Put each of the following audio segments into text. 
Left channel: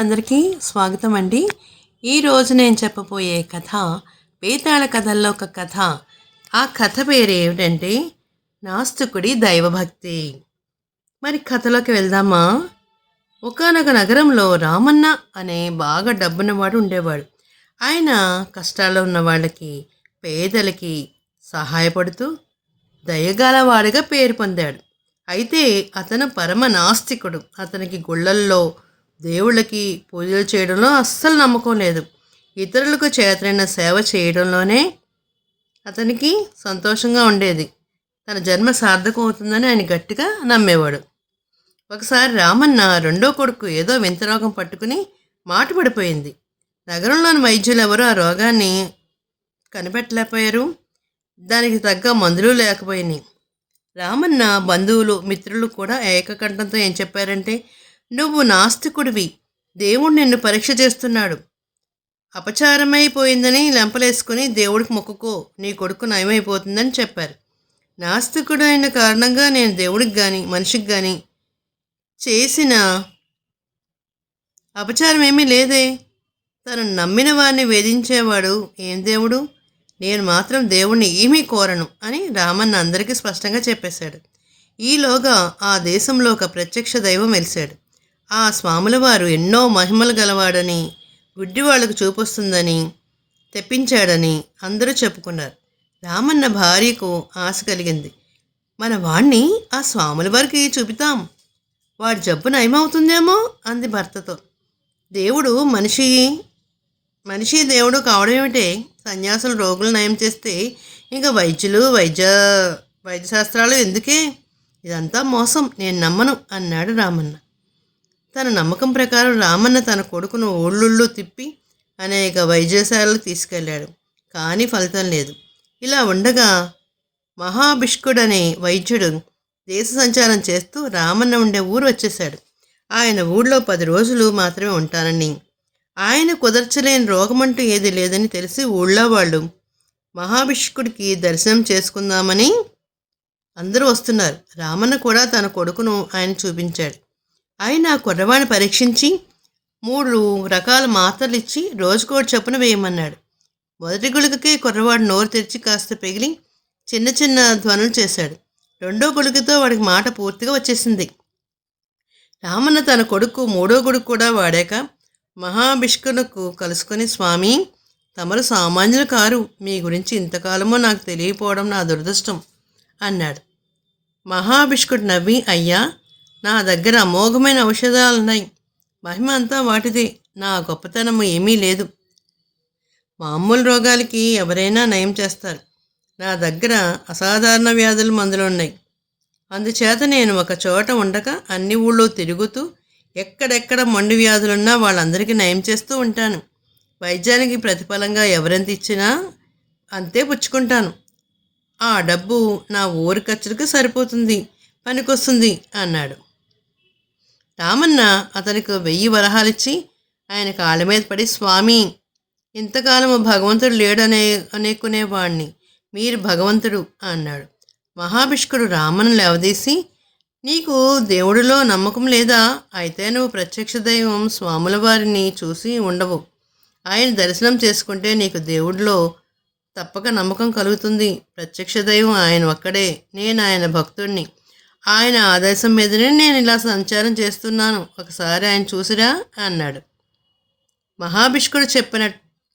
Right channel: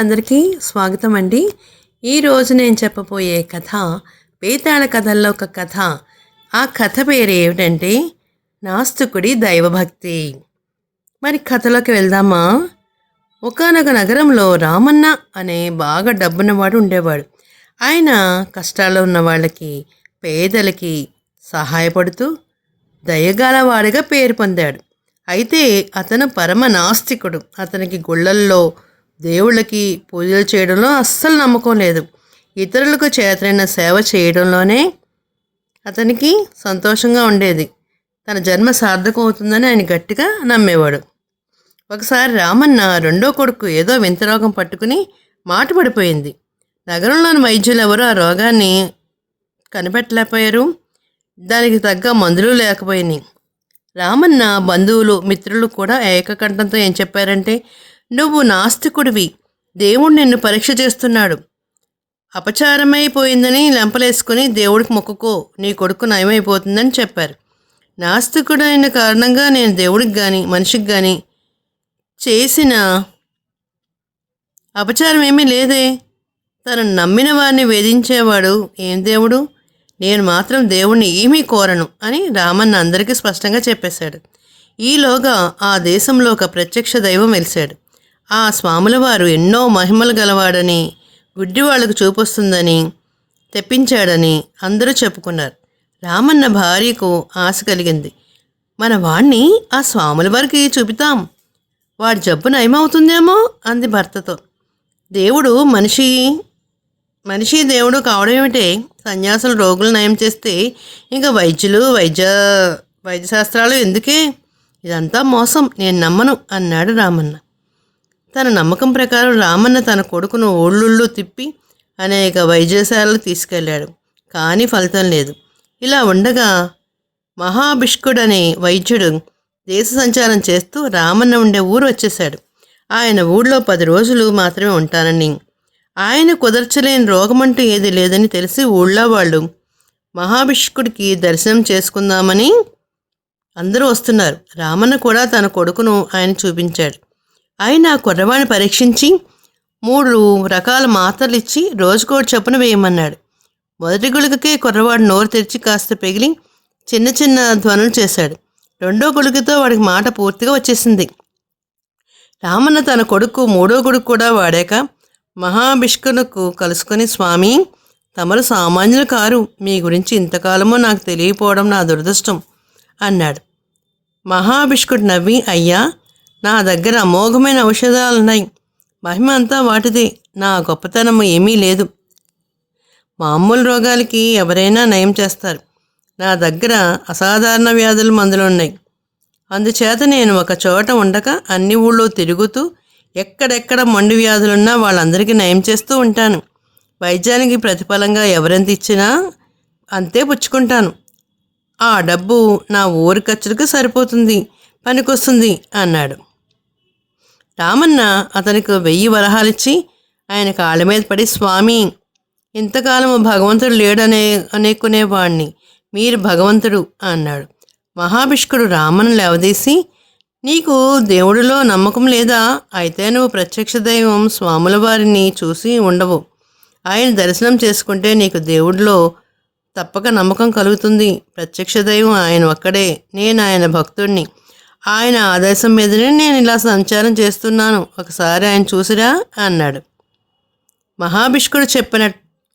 అందరికీ స్వాగతం అండి. ఈరోజు నేను చెప్పబోయే కథ పేతాళ కథల్లో ఒక కథ. ఆ కథ పేరు ఏమిటంటే నాస్తికుడి దైవభక్తి. మరి కథలోకి వెళ్దామా? ఒకనొక నగరంలో రామన్న అనే బాగా డబ్బున్నవాడు ఉండేవాడు. ఆయన కష్టాల్లో ఉన్న వాళ్ళకి పేదలకి సహాయపడుతూ దయగలవాడిగా పేరు పొందాడు. అయితే అతను పరమ నాస్తికుడు. అతనికి గుళ్ళల్లో దేవుళ్ళకి పూజలు చేయడంలో అస్సలు నమ్మకం లేదు. ఇతరులకు చేతనైన సేవ చేయడంలోనే అతనికి సంతోషంగా ఉండేది. తన జన్మ సార్థకం అవుతుందని ఆయన గట్టిగా నమ్మేవాడు. ఒకసారి రామన్న రెండో కొడుకు ఏదో వింత రోగం పట్టుకుని మాట పడిపోయింది. నగరంలోని వైద్యులు ఎవరు ఆ రోగాన్ని కనిపెట్టలేకపోయారు. దానికి తగ్గ మందులు లేకపోయినాయి. రామన్న బంధువులు మిత్రులు కూడా ఏకకంఠంతో ఏం చెప్పారంటే నువ్వు నాస్తికుడివి. దేవుడు నిన్ను పరీక్ష చేస్తున్నాడు. అపచారమైపోయిందని లెంపలేసుకొని దేవుడికి మొక్కుకో. నీ కొడుకు నయమైపోతుందని చెప్పారు. నాస్తికుడైన కారణంగా నేను దేవుడికి కానీ మనిషికి కానీ చేసిన అపచారం ఏమీ లేదే. తను నమ్మిన వారిని వేధించేవాడు ఏం దేవుడు? నేను మాత్రం దేవుణ్ణి ఏమీ కోరను అని రామన్న అందరికీ స్పష్టంగా చెప్పేశాడు. ఈలోగా ఆ దేశంలో ఒక ప్రత్యక్ష దైవం వెలిశాడు. ఆ స్వాముల వారు ఎన్నో మహిమలు గలవాడని గుడ్డి వాళ్ళకు చూపొస్తుందని తెప్పించాడని అందరూ చెప్పుకున్నారు. రామన్న భార్యకు ఆశ కలిగింది. మన వాణ్ణి ఆ స్వాముల వారికి చూపితాం వాడి జబ్బు నయమవుతుందేమో అంది భర్తతో. దేవుడు మనిషి మనిషి దేవుడు కావడం ఏమిటే? సన్యాసులు రోగులు నయం చేస్తే ఇంకా వైద్యులు వైద్య వైద్యశాస్త్రాలు ఎందుకే? ఇదంతా మోసం నేను నమ్మను అన్నాడు రామన్న. తన నమ్మకం ప్రకారం రామన్న తన కొడుకును ఓళ్ళుళ్ళు తిప్పి అనేక వైద్యశాలలు తీసుకెళ్ళాడు కానీ ఫలితం లేదు. ఇలా ఉండగా మహాభిష్కుడనే వైద్యుడు దేశ సంచారం చేస్తూ రామన్న ఉండే ఊరు వచ్చేశాడు. ఆయన ఊళ్ళో పది రోజులు మాత్రమే ఉంటానని ఆయన కుదర్చలేని రోగమంటూ ఏది లేదని తెలిసి ఊళ్ళో వాళ్ళు మహాభిష్కుడికి దర్శనం చేసుకుందామని అందరూ వస్తున్నారు. రామన్న కూడా తన కొడుకును ఆయన చూపించాడు. ఆయన కుర్రవాణ్ణి పరీక్షించి మూడు రకాల మాత్రలు ఇచ్చి రోజుకోటి చొప్పున వేయమన్నాడు. మొదటి గుళికకే కుర్రవాడు నోరు తెరిచి కాస్త పెగిలి చిన్న చిన్న ధ్వనులు చేశాడు. రెండో గుళికతో వాడికి మాట పూర్తిగా వచ్చేసింది. రామన్న తన కొడుకు మూడో కొడుకు కూడా వాడాక మహాభిష్కులకు కలుసుకొని స్వామి తమరు సామాన్యులు కారు. మీ గురించి ఇంతకాలము నాకు తెలియపోవడం నా దురదృష్టం అన్నాడు. మహాభిష్కుడు నవ్వి అయ్యా నా దగ్గర అమోఘమైన ఔషధాలు ఉన్నాయి మహిమ అంతా వాటిదే. నా గొప్పతనం ఏమీ లేదు. మామూలు రోగాలకి ఎవరైనా నయం చేస్తారు. నా దగ్గర అసాధారణ వ్యాధుల మందులు ఉన్నాయి అందుచేత నేను ఒక చోట ఉండక అన్ని ఊళ్ళో తిరుగుతూ ఎక్కడెక్కడ మొండి వ్యాధులున్నా వాళ్ళందరికీ నయం చేస్తూ ఉంటాను. వైద్యానికి ప్రతిఫలంగా ఎవరెంత ఇచ్చినా అంతే పుచ్చుకుంటాను. ఆ డబ్బు నా ఊరి ఖర్చులకు సరిపోతుంది. పనికొస్తుంది అన్నాడు. రామన్న అతనికి వెయ్యి వరహాలిచ్చి ఆయన కాళ్ళ మీద పడి స్వామి ఇంతకాలము భగవంతుడు లేడనే అనేకునేవాణ్ణి మీరు భగవంతుడు అన్నాడు. మహాభిష్కుడు రామను లేవదీసి నీకు దేవుడిలో నమ్మకం లేదా? అయితే నువ్వు ప్రత్యక్ష దైవం స్వాముల వారిని చూసి ఉండవు. ఆయన దర్శనం చేసుకుంటే నీకు దేవుడిలో తప్పక నమ్మకం కలుగుతుంది. ప్రత్యక్ష దైవం ఆయన ఒక్కడే నేను ఆయన భక్తుడిని ఆయన ఆదేశం మీదనే నేను ఇలా సంచారం చేస్తున్నాను. ఒకసారి ఆయన చూసిరా? అన్నాడు. మహాభిష్కుడు చెప్పిన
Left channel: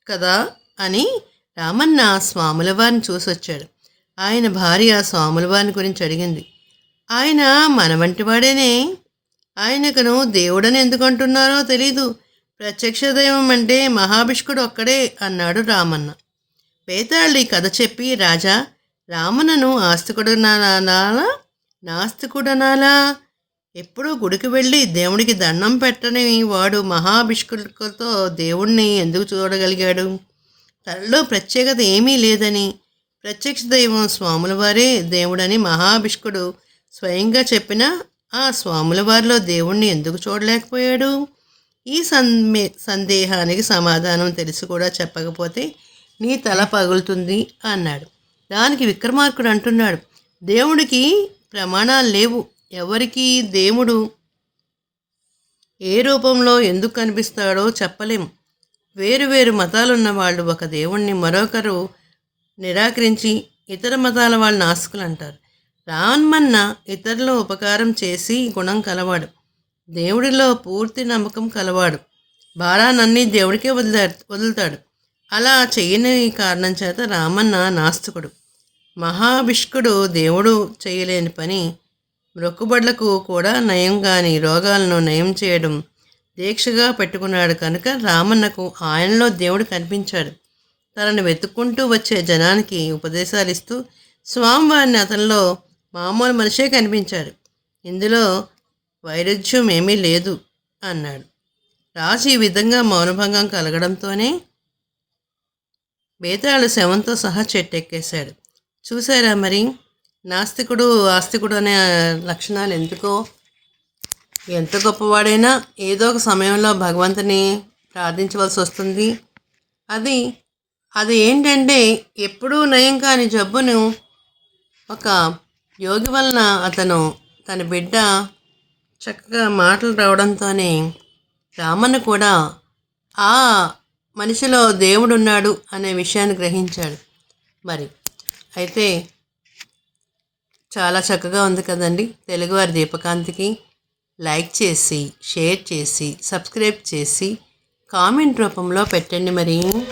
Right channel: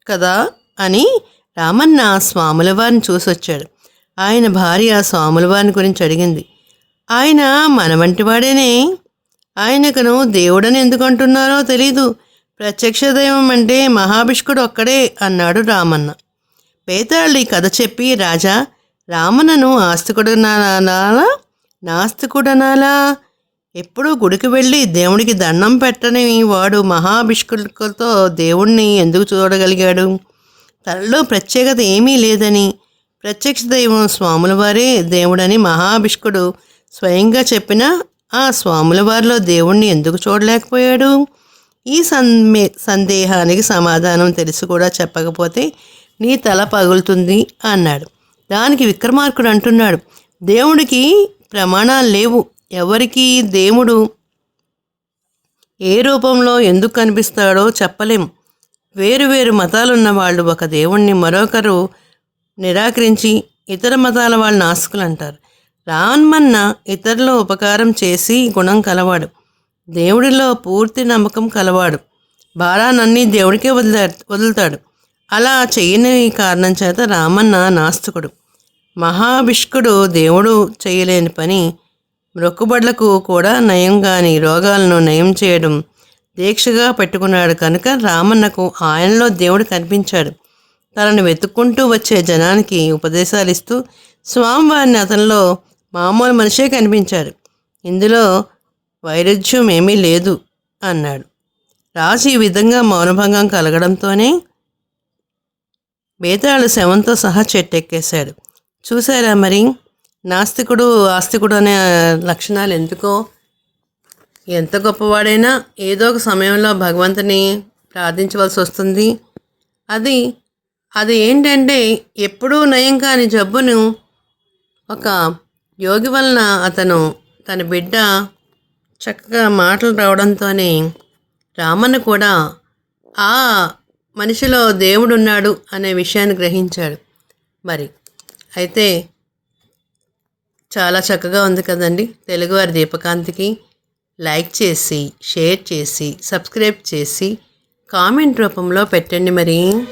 కదా అని రామన్న స్వాముల వారిని చూసొచ్చాడు. ఆయన భార్య స్వాముల వారిని గురించి అడిగింది. ఆయన మన వంటి వాడేనే. ఆయనకును దేవుడని ఎందుకు అంటున్నారో తెలీదు. ప్రత్యక్ష దైవం అంటే మహాభిష్కుడు ఒక్కడే అన్నాడు రామన్న. పేతాళ్ళు ఈ కథ చెప్పి రాజా రామన్నను ఆస్తికుడు నాలా నాస్తికుడనాలా? ఎప్పుడూ గుడికి వెళ్ళి దేవుడికి దండం పెట్టని వాడు మహాభిష్కులతో దేవుణ్ణి ఎందుకు చూడగలిగాడు? తనలో ప్రత్యేకత ఏమీ లేదని. ప్రత్యక్ష దైవం స్వాముల వారే దేవుడని మహాభిష్కుడు స్వయంగా చెప్పిన ఆ స్వాముల వారిలో దేవుణ్ణి ఎందుకు చూడలేకపోయాడు? ఈ సందే సందేహానికి సమాధానం తెలిసి కూడా చెప్పకపోతే నీ తల పగులుతుంది అన్నాడు. దానికి విక్రమార్కుడు అంటున్నాడు దేవుడికి ప్రమాణాలు లేవు. ఎవరికి దేవుడు ఏ రూపంలో ఎందుకు కనిపిస్తాడో చెప్పలేం. వేరు వేరు మతాలున్న వాళ్ళు ఒక దేవుణ్ణి మరొకరు నిరాకరించి ఇతర మతాల వాళ్ళు నాస్తికులు అంటారు. రామన్న ఇతరుల ఉపకారం చేసి గుణం కలవాడు. దేవుడిలో పూర్తి నమ్మకం కలవాడు. భారానన్నీ దేవుడికే వదిలే వదులుతాడు. అలా చేయని కారణం చేత రామన్న నాస్తికుడు. మహాభిష్కుడు దేవుడు చేయలేని పని మొక్కుబడులకు కూడా నయం కాని రోగాలను నయం చేయడం దీక్షగా పెట్టుకున్నాడు కనుక రామన్నకు ఆయనలో దేవుడు కనిపించాడు. తనను వెతుక్కుంటూ వచ్చే జనానికి ఉపదేశాలు ఇస్తూ స్వామివారిని అతనిలో మామూలు మనిషే కనిపించాడు. ఇందులో వైరుధ్యం ఏమీ లేదు అన్నాడు. రాజు ఈ విధంగా మౌనభంగం కలగడంతోనే బేతాళు శవంతో సహా చెట్టెక్కేశాడు. చూసారా మరి? నాస్తికుడు ఆస్తికుడు అనే లక్షణాలు ఎందుకో? ఎంత గొప్పవాడైనా ఏదో ఒక సమయంలో భగవంతుని ప్రార్థించవలసి వస్తుంది. అది అది ఏంటంటే ఎప్పుడూ నయం కాని జబ్బును ఒక యోగి వలన అతను తన బిడ్డ చక్కగా మాటలు రావడంతోనే రామన్న కూడా ఆ మనిషిలో దేవుడు ఉన్నాడు అనే విషయాన్ని గ్రహించాడు. మరి అయితే చాలా చక్కగా ఉంది కదండి. తెలుగువారి దీపకాంతికి లైక్ చేసి షేర్ చేసి సబ్స్క్రైబ్ చేసి కామెంట్ రూపంలో పెట్టండి మరి.